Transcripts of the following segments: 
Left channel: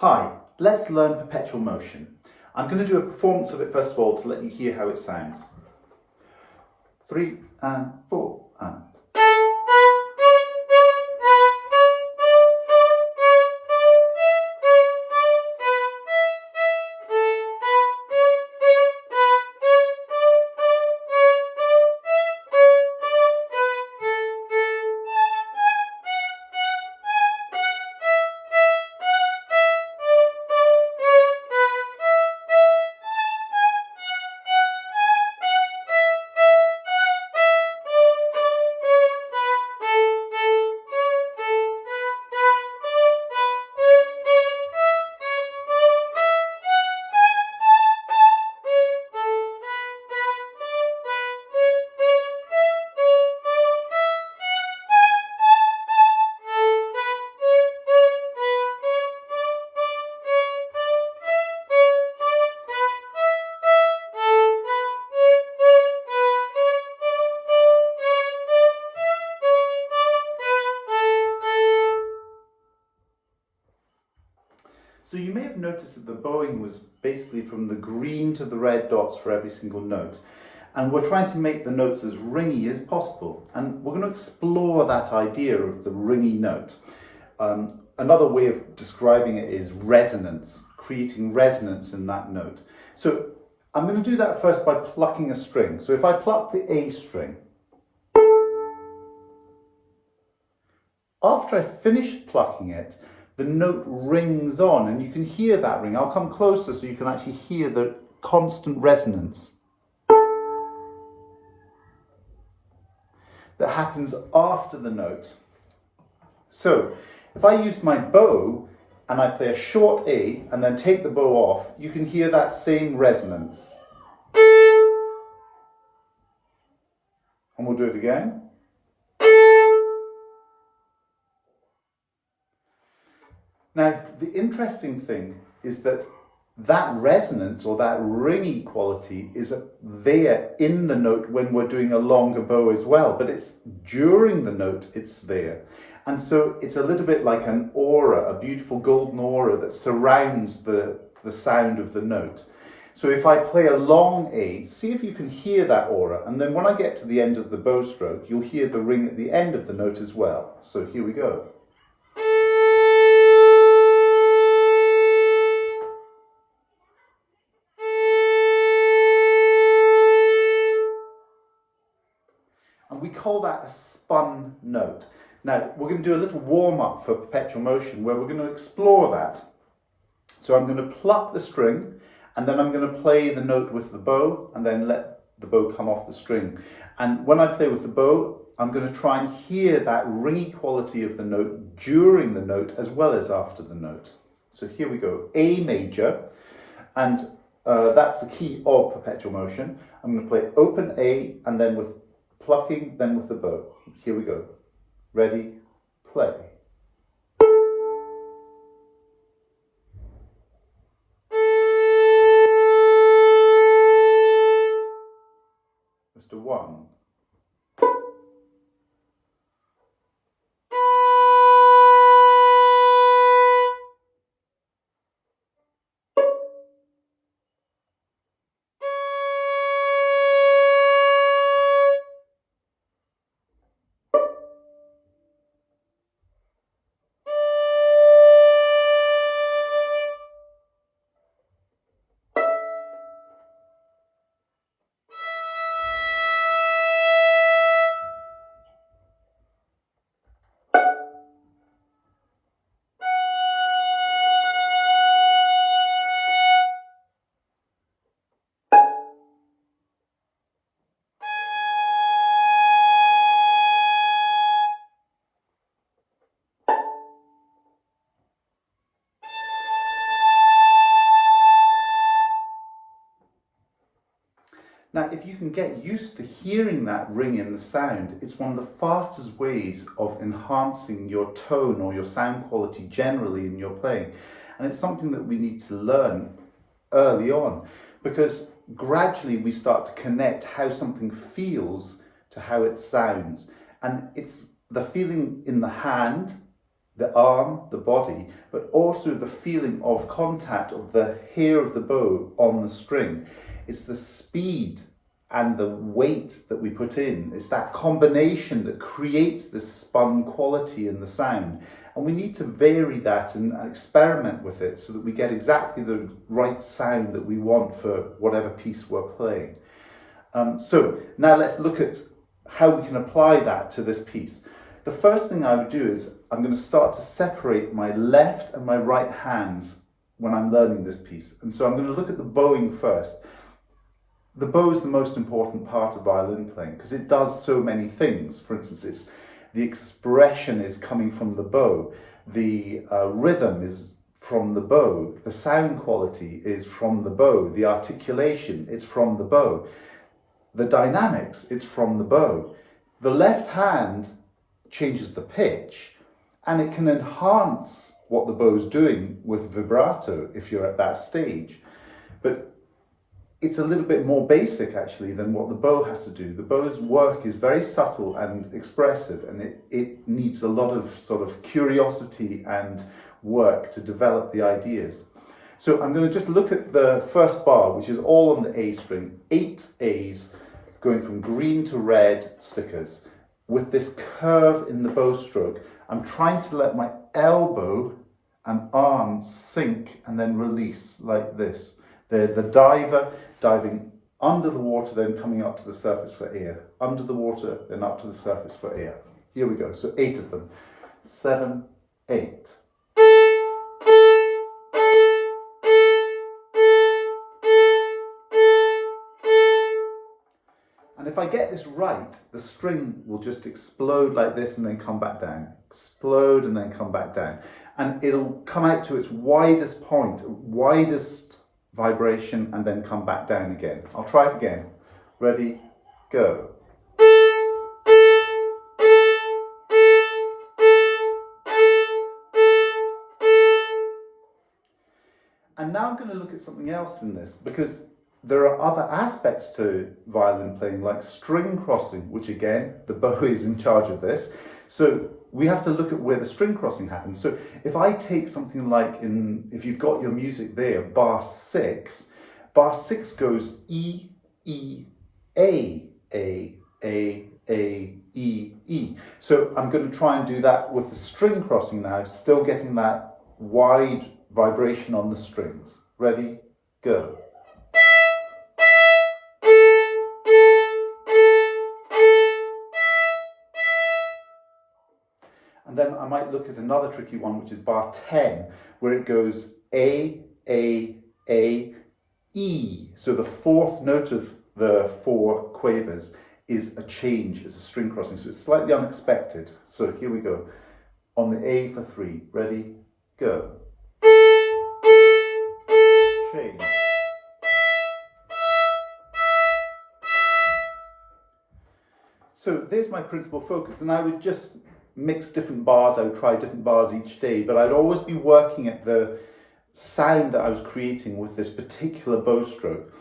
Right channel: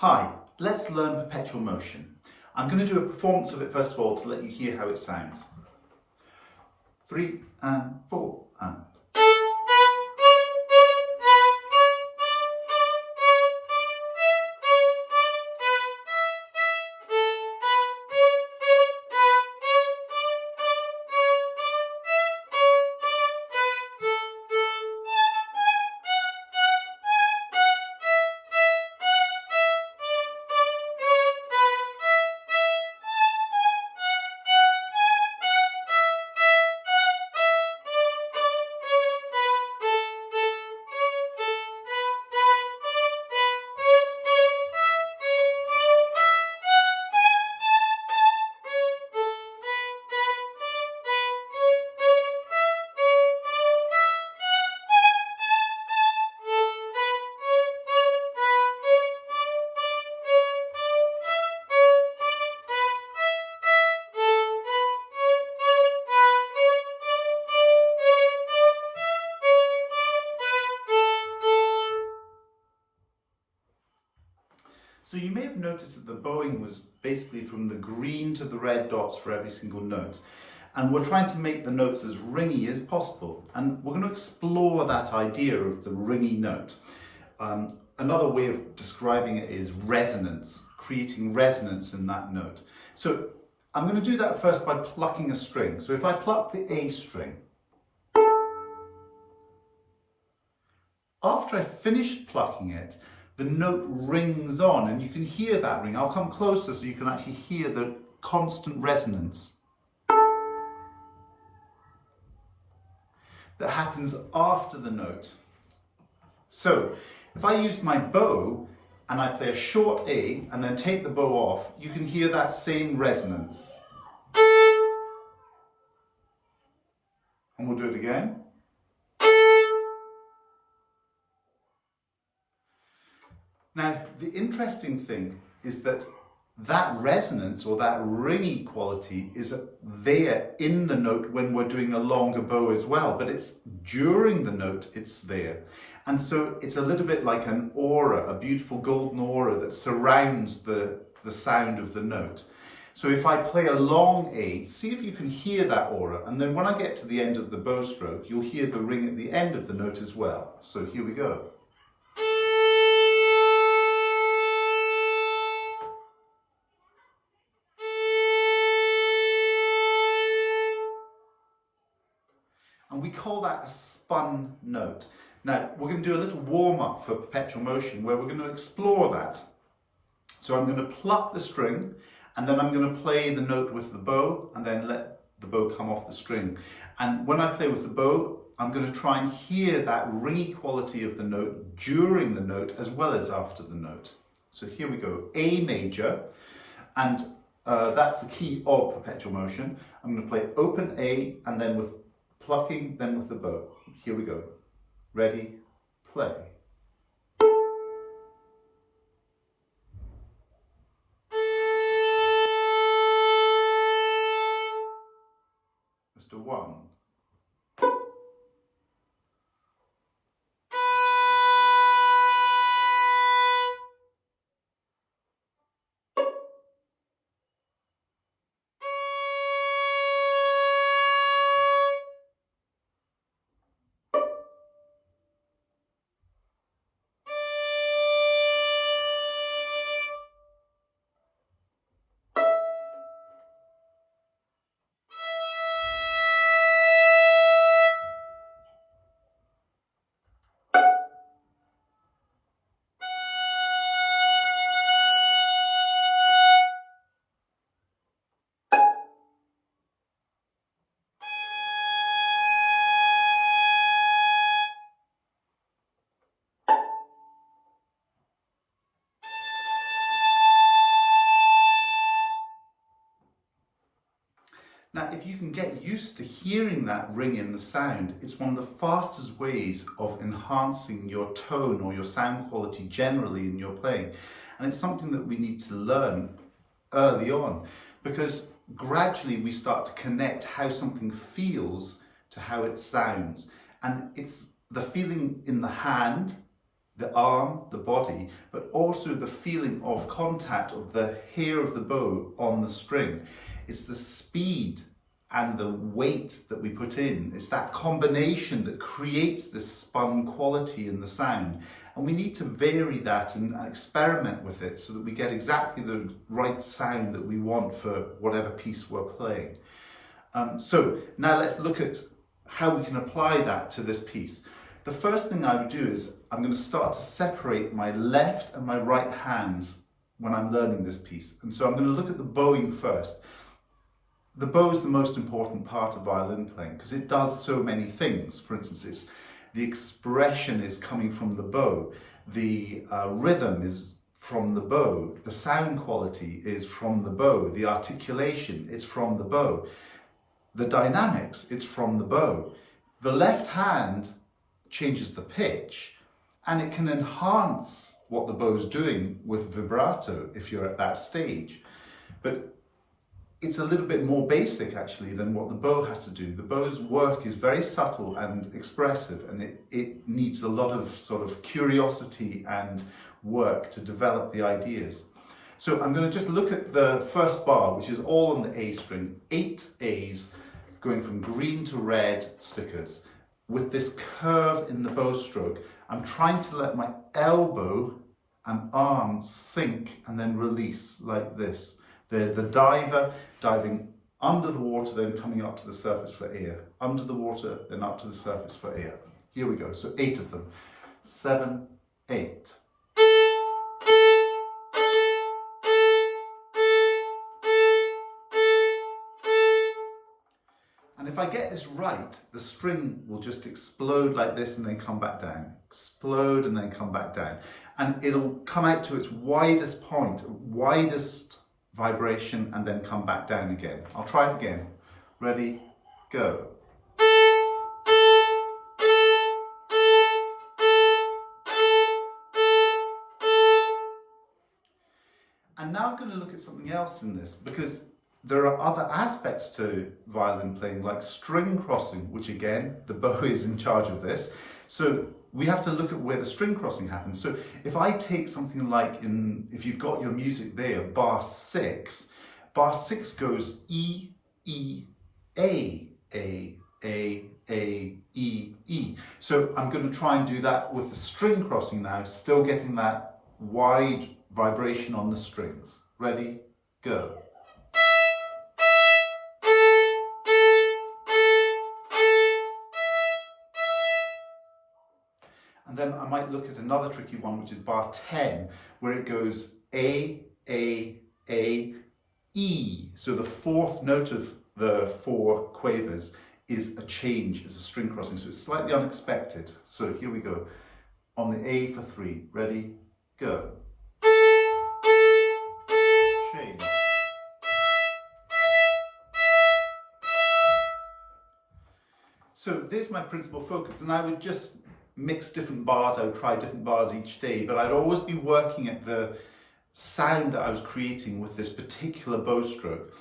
Hi, let's learn perpetual motion. I'm going to do a performance of it first of all to let you hear how it sounds. 3 and 4 and. So you may have noticed that the bowing was basically from the green to the red dots for every single note. And we're trying to make the notes as ringy as possible. And we're going to explore that idea of the ringy note. Another way of describing it is resonance, creating resonance in that note. So I'm going to do that first by plucking a string. So if I pluck the A string, after I've finished plucking it, the note rings on, and you can hear that ring. I'll come closer so you can actually hear the constant resonance that happens after the note. So if I use my bow and I play a short A and then take the bow off, you can hear that same resonance. And we'll do it again. Now, the interesting thing is that resonance or that ringy quality is there in the note when we're doing a longer bow as well, but it's during the note it's there. And so it's a little bit like an aura, a beautiful golden aura that surrounds the sound of the note. So if I play a long A, see if you can hear that aura, and then when I get to the end of the bow stroke, you'll hear the ring at the end of the note as well. So here we go. And we call that a spun note. Now, we're going to do a little warm-up for perpetual motion where we're going to explore that. So I'm going to pluck the string, and then I'm going to play the note with the bow, and then let the bow come off the string. And when I play with the bow, I'm going to try and hear that ringy quality of the note during the note as well as after the note. So here we go, A major, and that's the key of perpetual motion. I'm going to play open A, and then with plucking, then with the bow. Here we go. Ready, play. Mr. 1. Now, if you can get used to hearing that ring in the sound, it's one of the fastest ways of enhancing your tone or your sound quality generally in your playing. And it's something that we need to learn early on, because gradually we start to connect how something feels to how it sounds. And it's the feeling in the hand the arm, the body, but also the feeling of contact of the hair of the bow on the string. It's the speed and the weight that we put in. It's that combination that creates this spun quality in the sound. And we need to vary that and experiment with it so that we get exactly the right sound that we want for whatever piece we're playing. So now let's look at how we can apply that to this piece. The first thing I would do is I'm going to start to separate my left and my right hands when I'm learning this piece. And so I'm going to look at the bowing first. The bow is the most important part of violin playing because it does so many things. For instance, the expression is coming from the bow, the rhythm is from the bow, the sound quality is from the bow, the articulation, it's from the bow, the dynamics, it's from the bow. The left hand changes the pitch and it can enhance what the bow's doing with vibrato if you're at that stage. But it's a little bit more basic actually than what the bow has to do. The bow's work is very subtle and expressive, and it needs a lot of sort of curiosity and work to develop the ideas. So I'm going to just look at the first bar, which is all on the A string, 8 A's going from green to red stickers. With this curve in the bow stroke, I'm trying to let my elbow and arm sink and then release like this. The diver diving under the water, then coming up to the surface for air. Under the water, then up to the surface for air. Here we go. So 8 of them. 7, 8. And if I get this right, the string will just explode like this and then come back down. Explode and then come back down. And it'll come out to its widest point, widest vibration, and then come back down again. I'll try it again. Ready, go. And now I'm going to look at something else in this, because there are other aspects to violin playing, like string crossing, which again, the bow is in charge of this. So we have to look at where the string crossing happens. So if I take something like if you've got your music there, bar 6 goes E, E, A, A, A, A, E, E. So I'm going to try and do that with the string crossing now, still getting that wide vibration on the strings. Ready, go. And then I might look at another tricky one, which is bar 10, where it goes A, A, A, E. So the fourth note of the 4 quavers is a change, it's a string crossing. So it's slightly unexpected. So here we go. On the A for 3. Ready, go. Change. So there's my principal focus, and I would just mix different bars. I would try different bars each day, but I'd always be working at the sound that I was creating with this particular bow stroke.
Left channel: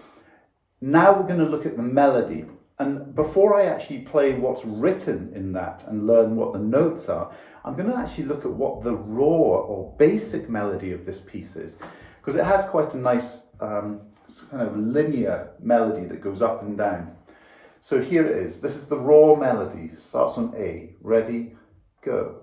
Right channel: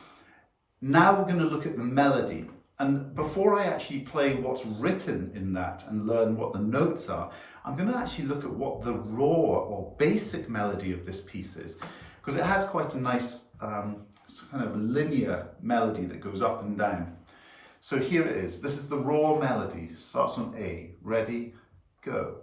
Now we're going to look at the melody, and before I actually play what's written in that and learn what the notes are, I'm going to actually look at what the raw or basic melody of this piece is, because it has quite a nice kind of linear melody that goes up and down. So here it is. This is the raw melody. It starts on A. Ready, go.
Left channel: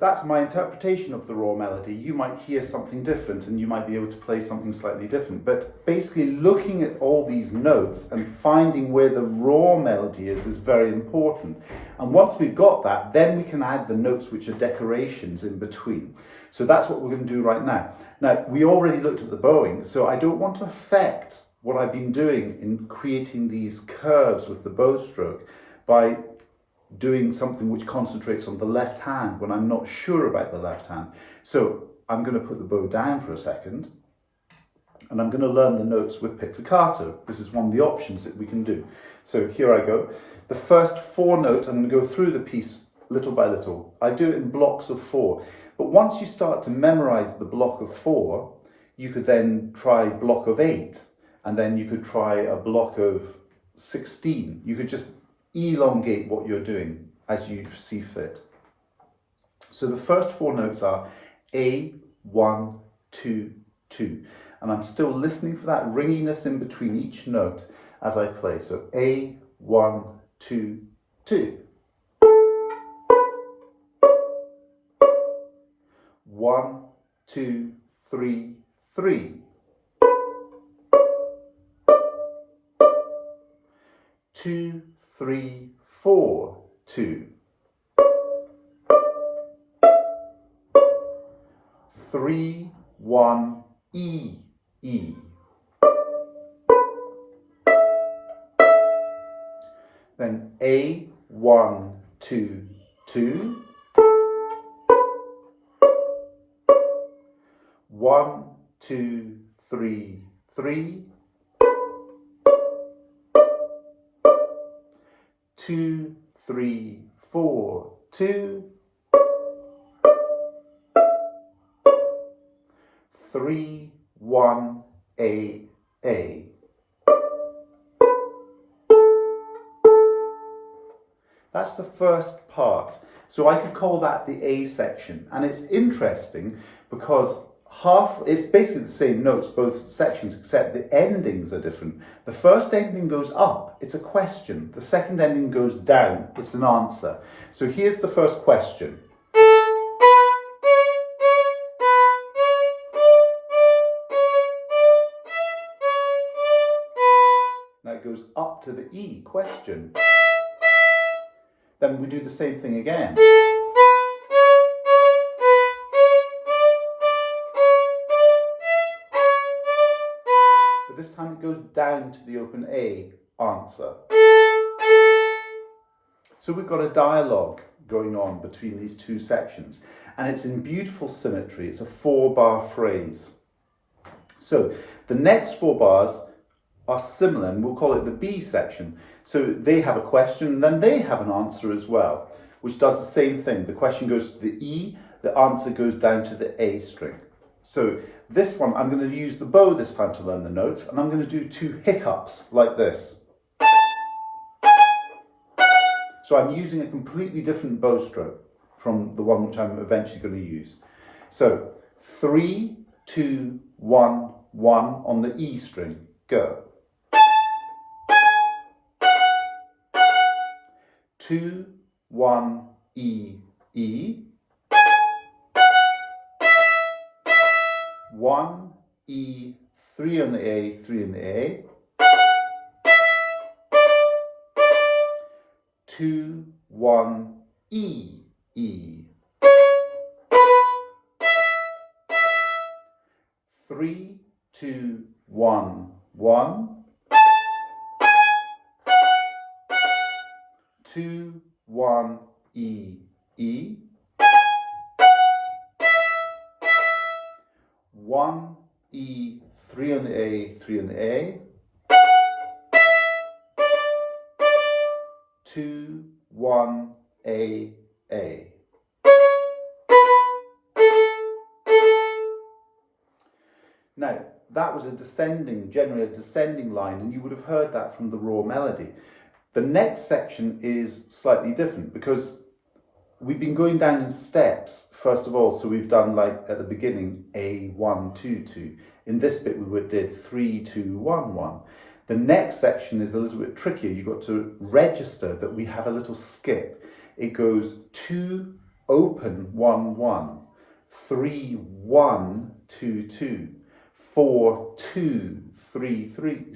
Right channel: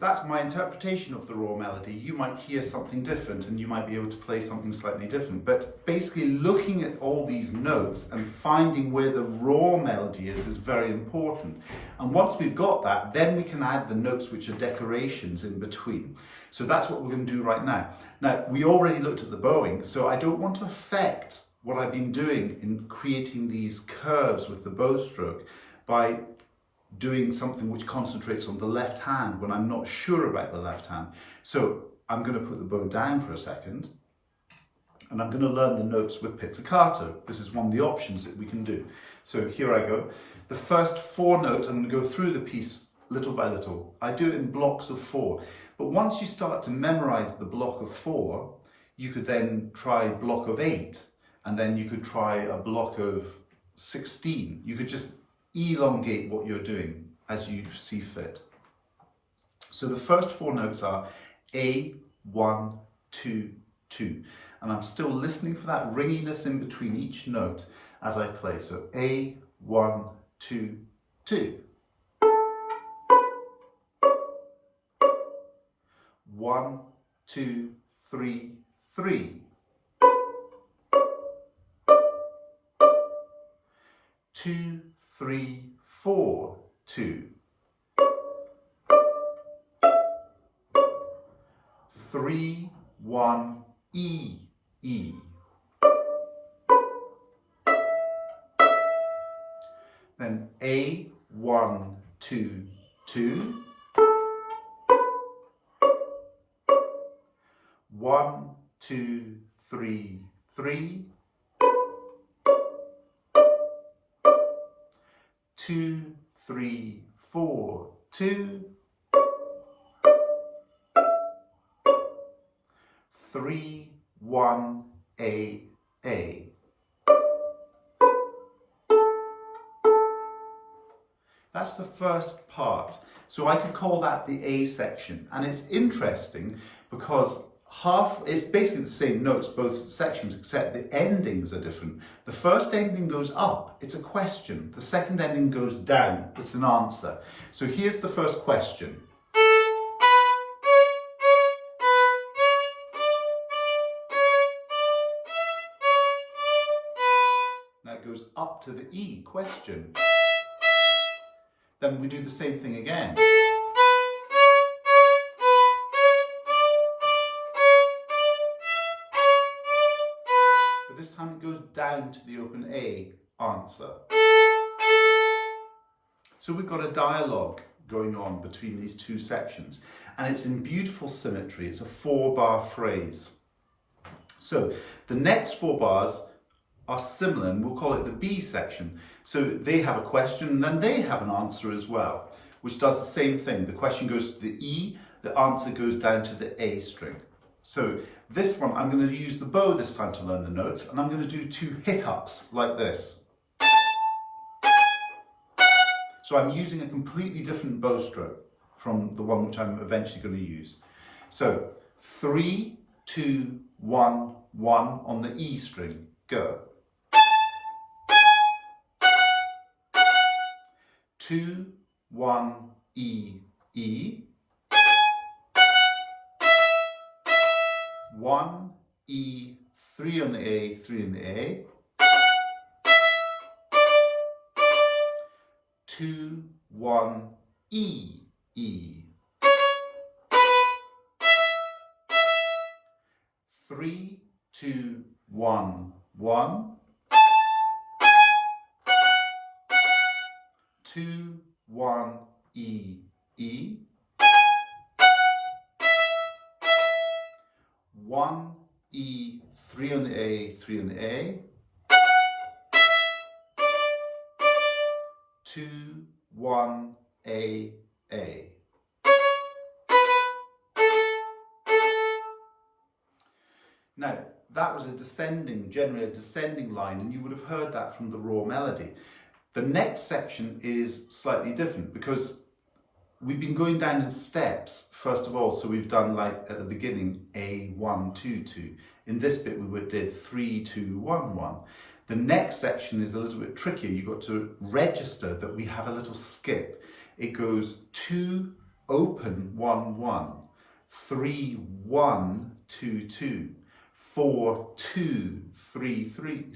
that's my interpretation of the raw melody. You might hear something different and you might be able to play something slightly different. But basically looking at all these notes and finding where the raw melody is very important. And once we've got that, then we can add the notes which are decorations in between. So that's what we're going to do right now. Now, we already looked at the bowing, so I don't want to affect what I've been doing in creating these curves with the bow stroke by doing something which concentrates on the left hand when I'm not sure about the left hand. So I'm going to put the bow down for a second and I'm going to learn the notes with pizzicato. This is one of the options that we can do. So here I go. The first 4 notes, I'm going to go through the piece little by little. I do it in blocks of 4. But once you start to memorize the block of 4, you could then try block of 8, and then you could try a block of 16. You could just elongate what you're doing as you see fit. So the first 4 notes are A, 1, 2, 2. And I'm still listening for that ringiness in between each note as I play. So A, 1, 2, 2. 1, 2, 3, 3. 2, 3, 4, 2. 3, 1, E, E. Then A, 1, 2, 2. 1, 2, 3, 3. 2, 3, 4, 2. 3, 1, A, A. That's the first part. So I could call that the A section. And it's interesting because it's basically the same notes, both sections, except the endings are different. The first ending goes up, it's a question. The second ending goes down, it's an answer. So here's the first question. Now it goes up to the E, question. Then we do the same thing again. This time it goes down to the open A, answer. So we've got a dialogue going on between these 2 sections, and it's in beautiful symmetry. It's a 4-bar phrase. So the next 4 bars are similar, and we'll call it the B section. So they have a question, and then they have an answer as well, which does the same thing. The question goes to the E, the answer goes down to the A string. So this one, I'm going to use the bow this time to learn the notes, and I'm going to do 2 hiccups like this. So I'm using a completely different bow stroke from the one which I'm eventually going to use. So 3, 2, 1, 1 on the E string, go. 2, 1, E, E. 1, E, 3 on the A, 3 on the A. 2, 1, E, E. 3, 2, 1, 1. 2, 1, E, E. 1, E, 3 on the A, 3 on the A. 2, 1, A, A. Now, that was generally a descending line, and you would have heard that from the raw melody. The next section is slightly different because we've been going down in steps, first of all. So we've done, like at the beginning, A, 1, 2, 2. In this bit, we did 3, 2, 1, 1. The next section is a little bit trickier. You've got to register that we have a little skip. It goes 2, open 1 1, 3 1 2 2, 4 2 3 3.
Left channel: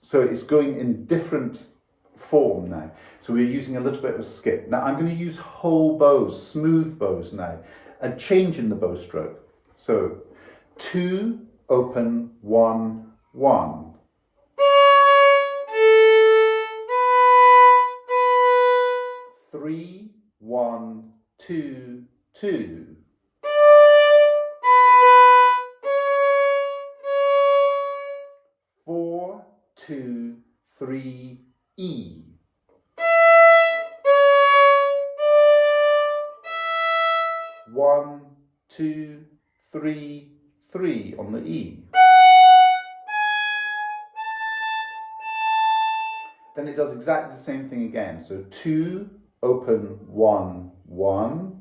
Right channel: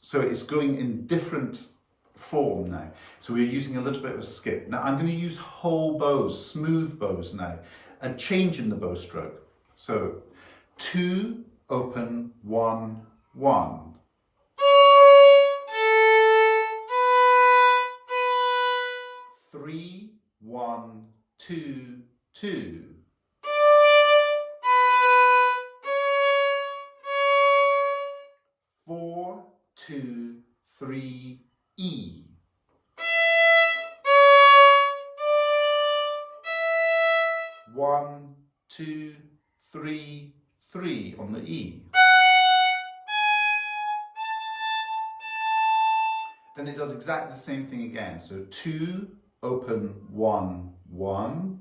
So it's going in different form now. So we're using a little bit of a skip. Now I'm going to use whole bows, smooth bows now, a change in the bow stroke. So 2 open 1 1. 3 1 2 2. 4 2 3 E. 1 2 3 3 on the E. Then it does exactly the same thing again. So 2 open 1 1.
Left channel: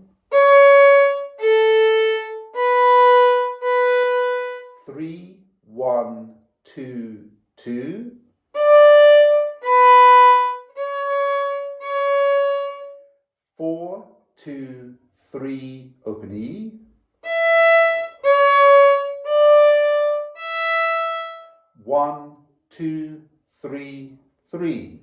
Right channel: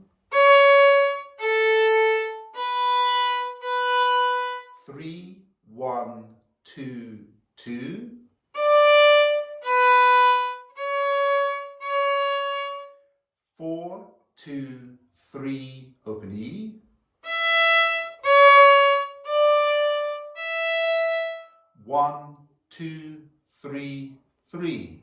3 1 2 2. 4 2 3 open E. 1 2 3 3.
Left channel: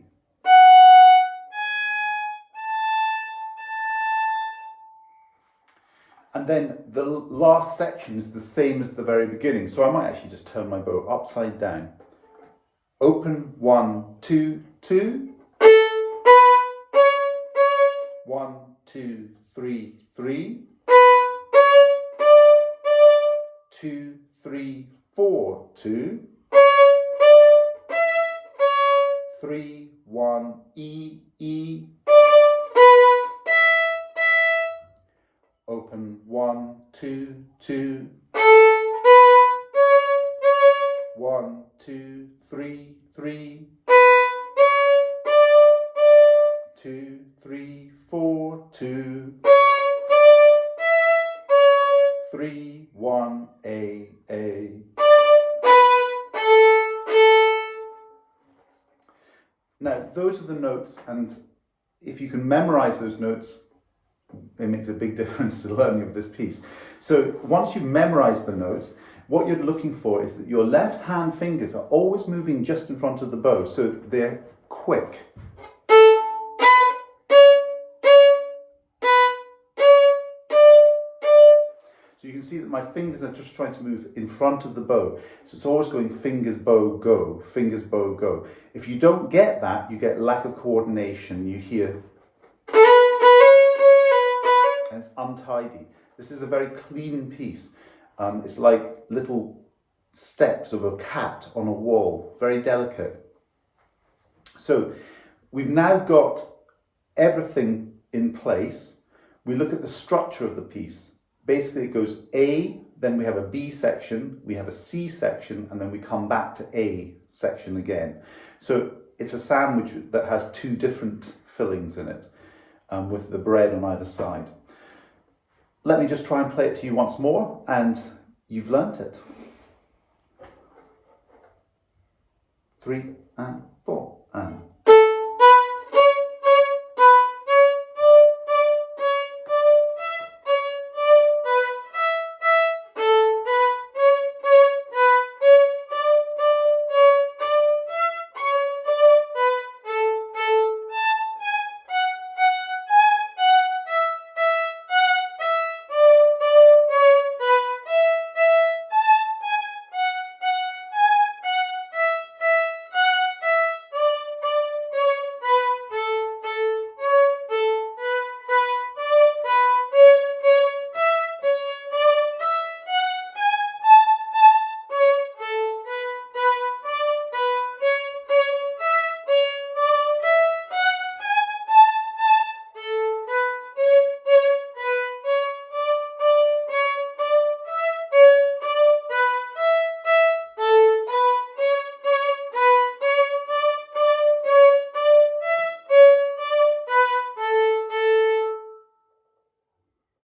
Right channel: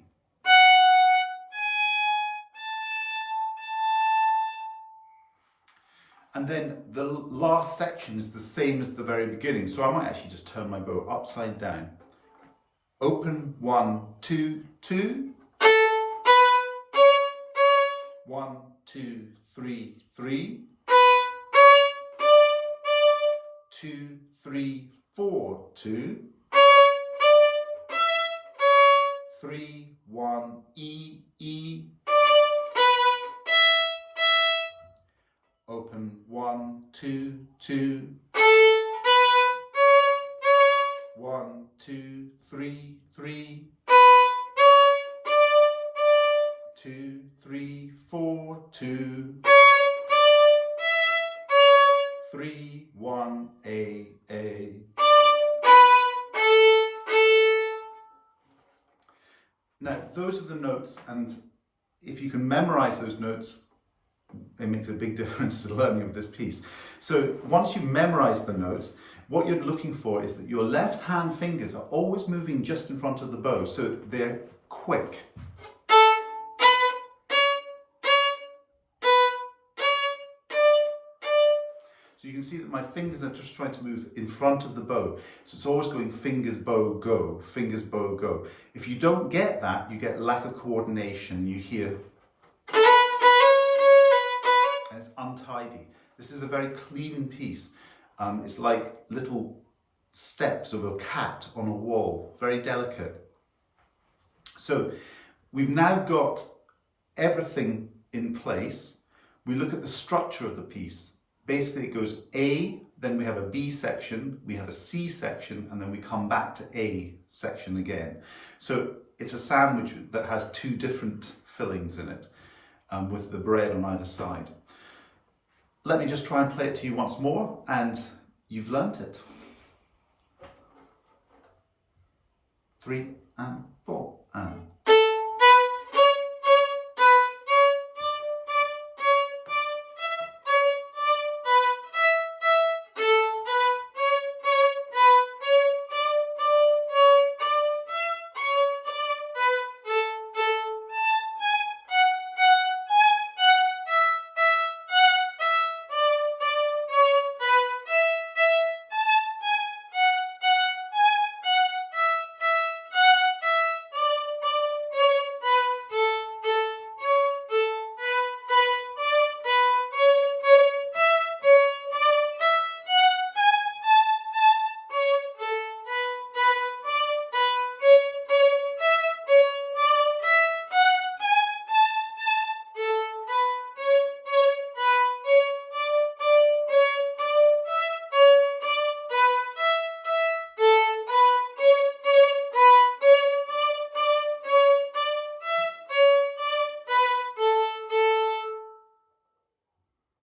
And then the last section is the same as the very beginning. So I might actually just turn my bow upside down. Open 1 2 2. 1 2 3 3. 2 3 4 2. 3 1 E E. Open 1 2 2. 1 2 3 3. 2 3 4 2. 3 1 A. Now those are the notes, and if you can memorize those notes, it makes a big difference to the learning of this piece. So once you've memorized the notes, what you're looking for is that your left hand fingers are always moving just in front of the bow, so they're quick. So you can see that my fingers are just trying to move in front of the bow. So it's always going fingers, bow, go, fingers, bow, go. If you don't get that, you get lack of coordination. You hear, and it's untidy. This is a very clean piece. It's like little steps of a cat on a wall, very delicate. So we've now got everything in place. We look at the structure of the piece. Basically it goes A, then we have a B section, we have a C section, and then we come back to A section again. So it's a sandwich that has two different fillings in it, with the bread on either side. Let me just try and play it to you once more, and you've learnt it. 3 and 4 and